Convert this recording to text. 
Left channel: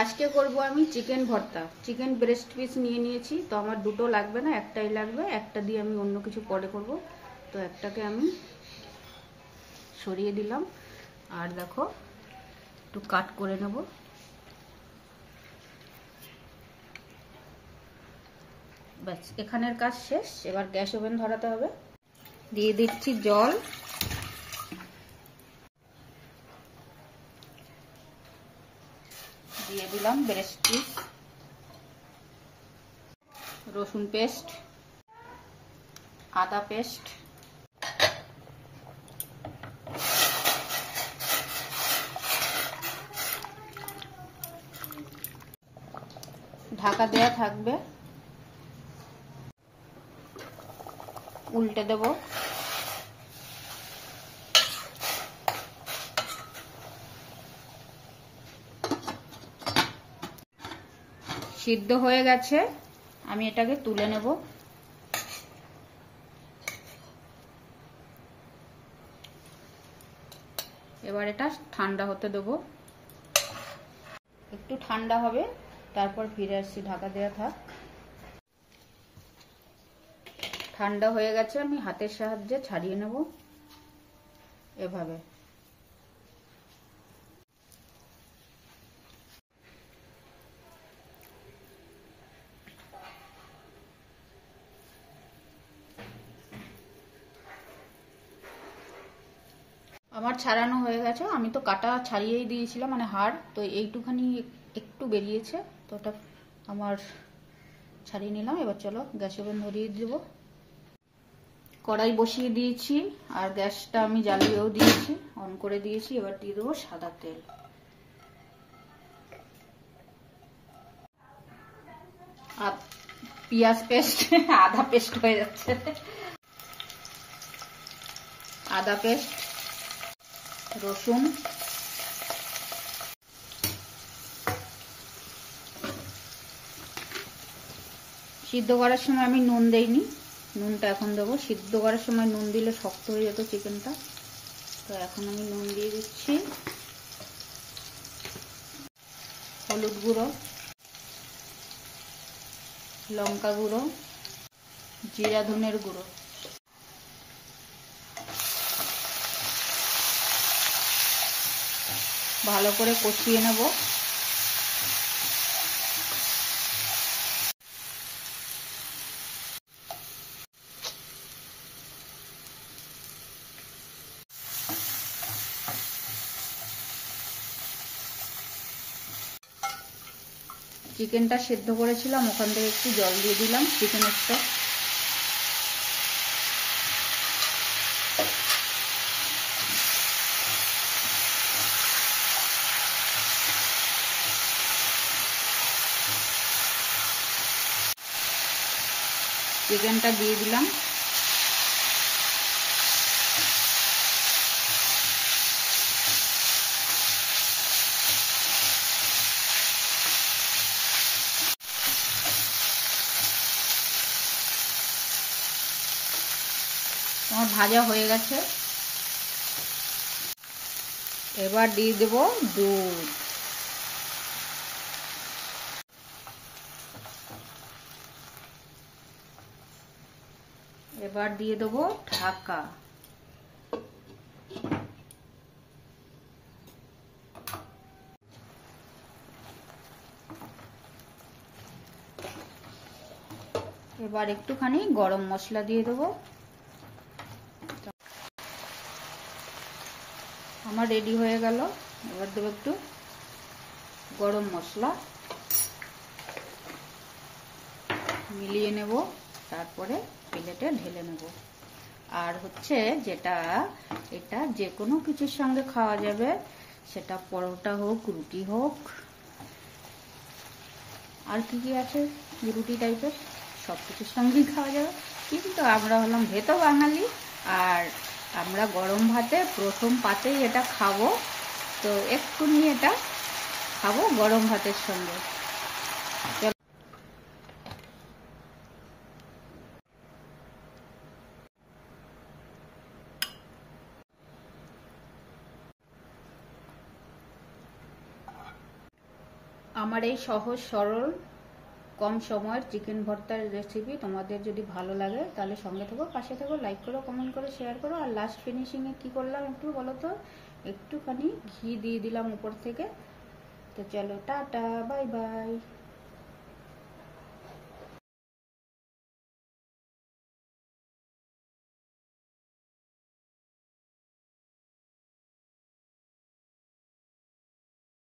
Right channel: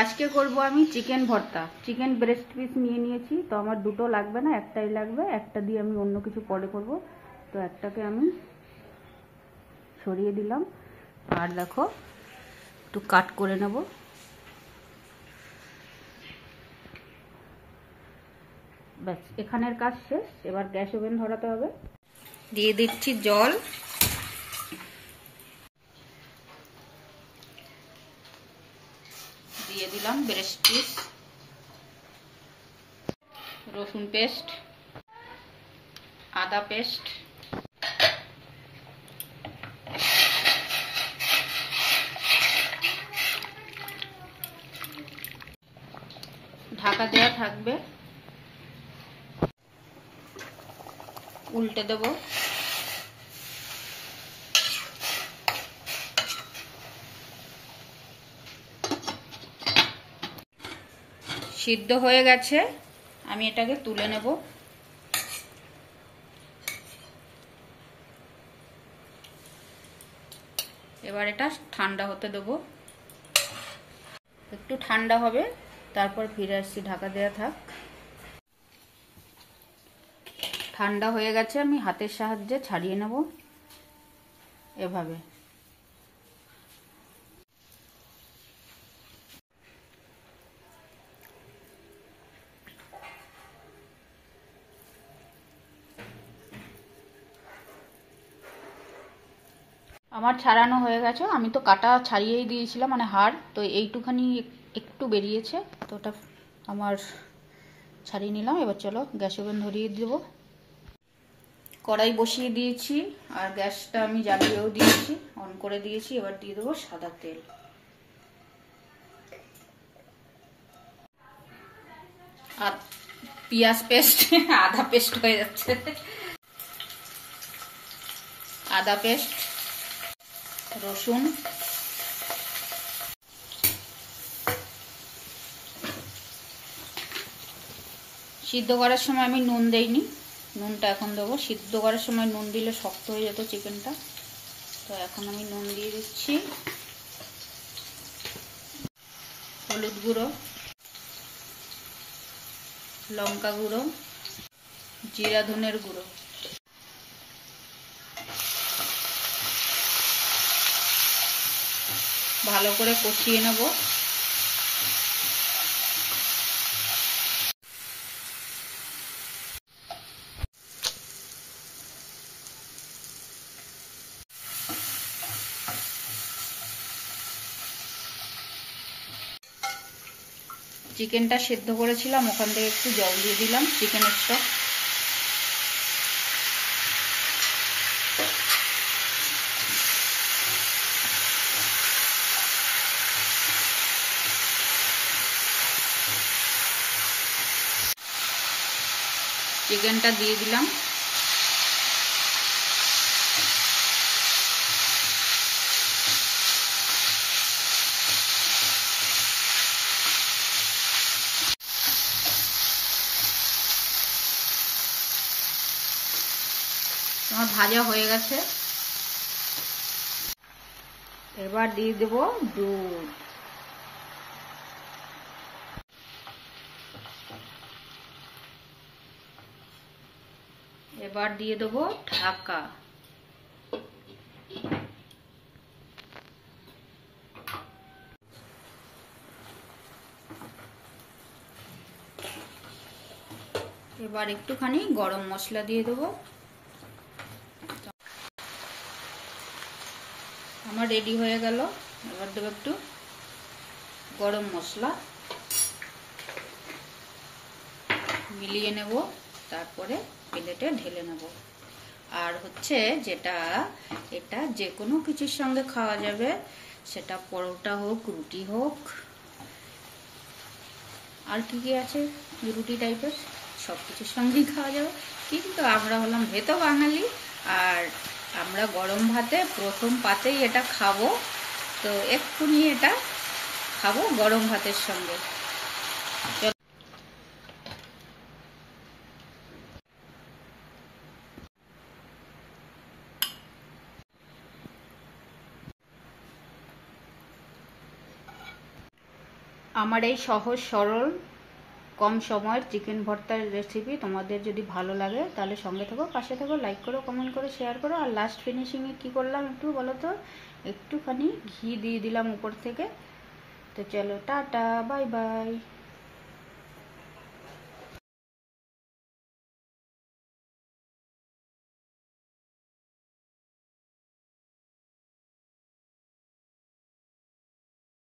আজকে করব আমি চিকেন ভর্তা। চিকেন ব্রেস্ট পিস নিয়ে নিয়েছি, তো আমার দুটো লাগবে না, একটাই লাগবে। একটা দিয়ে আমি অন্য কিছু পরে করব, তো একটাকে আমি সরিয়ে দিলাম। আর দেখো একটু কাট করে নেব। ব্যাস, এখানের কাজ শেষ। এবার গ্যাস ওভেন ধরাতে হবে। দিয়ে দিচ্ছি জল। দিয়ে দিলাম ব্রেস্ট পিস, রসুন পেস্ট, আদা পেস্ট, ঢাকা দেওয়া থাকবে। উল্টে দেব। সিদ্ধ হয়ে গেছে, আমি এটাকে তুলে নেব। এবার এটা ঠান্ডা হতে দেব। একটু ঠান্ডা হবে, তারপর ফিরে আসছি। ঢাকা দেওয়া থাক। ঠান্ডা হয়ে গেছে, আমি হাতের সাহায্যে ছাড়িয়ে নেব এভাবে। আমার ছাড়ানো হয়ে গেছে। আমি তো কাটা ছাড়িয়েই দিয়েছিলাম, মানে হাড়, তো এইটুখানি একটু বেরিয়েছে, তো ওটা আমার ছাড়িয়ে নিলাম। এবার চলো গ্যাস ওভেন ধরিয়ে দেবো। কড়াই বসিয়ে দিয়েছি, আর গ্যাসটা আমি জ্বালিয়েও দিয়েছি, অন করে দিয়েছি। এবার দিয়ে দেবো সাদা তেল। আর পেঁয়াজ পেস্ট, আদা পেস্ট হয়ে যাচ্ছে, আদা পেস্ট, রসুন, সিদ্ধ করার সময় আমি নুন দেইনি, নুনটা এখন দেবো। সিদ্ধ করার সময় নুন দিলে শক্ত হয়ে যেত চিকেনটা, তো এখন আমি নুন দিয়ে দিচ্ছি। হলুদ গুঁড়ো, লঙ্কা গুঁড়ো, জিরা ধনের গুঁড়ো। ভালো করে কষিয়ে নেব। চিকেনটা সেদ্ধ করেছিলাম, ওখান থেকে একটু জল দিয়ে দিলাম চিকেনের স্টক। চিকেনটা দিয়ে দিলাম। আমার ভাজা হয়ে গেছে। এবার দিয়ে দেব দুধ। এবার দিয়ে দেব ঢাকা। এবার একটুখানি গরম মশলা দিয়ে দেবো। আমার রেডি হয়ে গেল। এবার দেবো একটু গরম মশলা, মিলিয়ে নেব, তারপরে প্লেটে ঢেলে নেব। আর হচ্ছে যেটা, এটা যে কোনো কিছুর সঙ্গে খাওয়া যাবে, সেটা পরোটা হোক, রুটি হোক, আর কি কি আছে রুটি টাইপের, সব কিছুর সঙ্গেই খাওয়া যাবে। কিন্তু আমরা হলাম ভেতো বাঙালি, আর আমরা গরম ভাতে প্রথম পাতেই এটা খাবো, তো এক্ষুনি এটা খাবো গরম ভাতের সঙ্গে। আমার এই সহজ সরল কম সময়ের চিকেন ভর্তার রেসিপি তোমাদের যদি ভালো লাগে তাহলে সঙ্গে থেকো, পাশে থেকো, লাইক করো, কমেন্ট করো, শেয়ার করো। আর লাস্ট ফিনিশিংয়ে কী করলাম একটু বলো তো, একটুখানি ঘি দিয়ে দিলাম উপর থেকে। তো চলো টাটা, বাই বাই।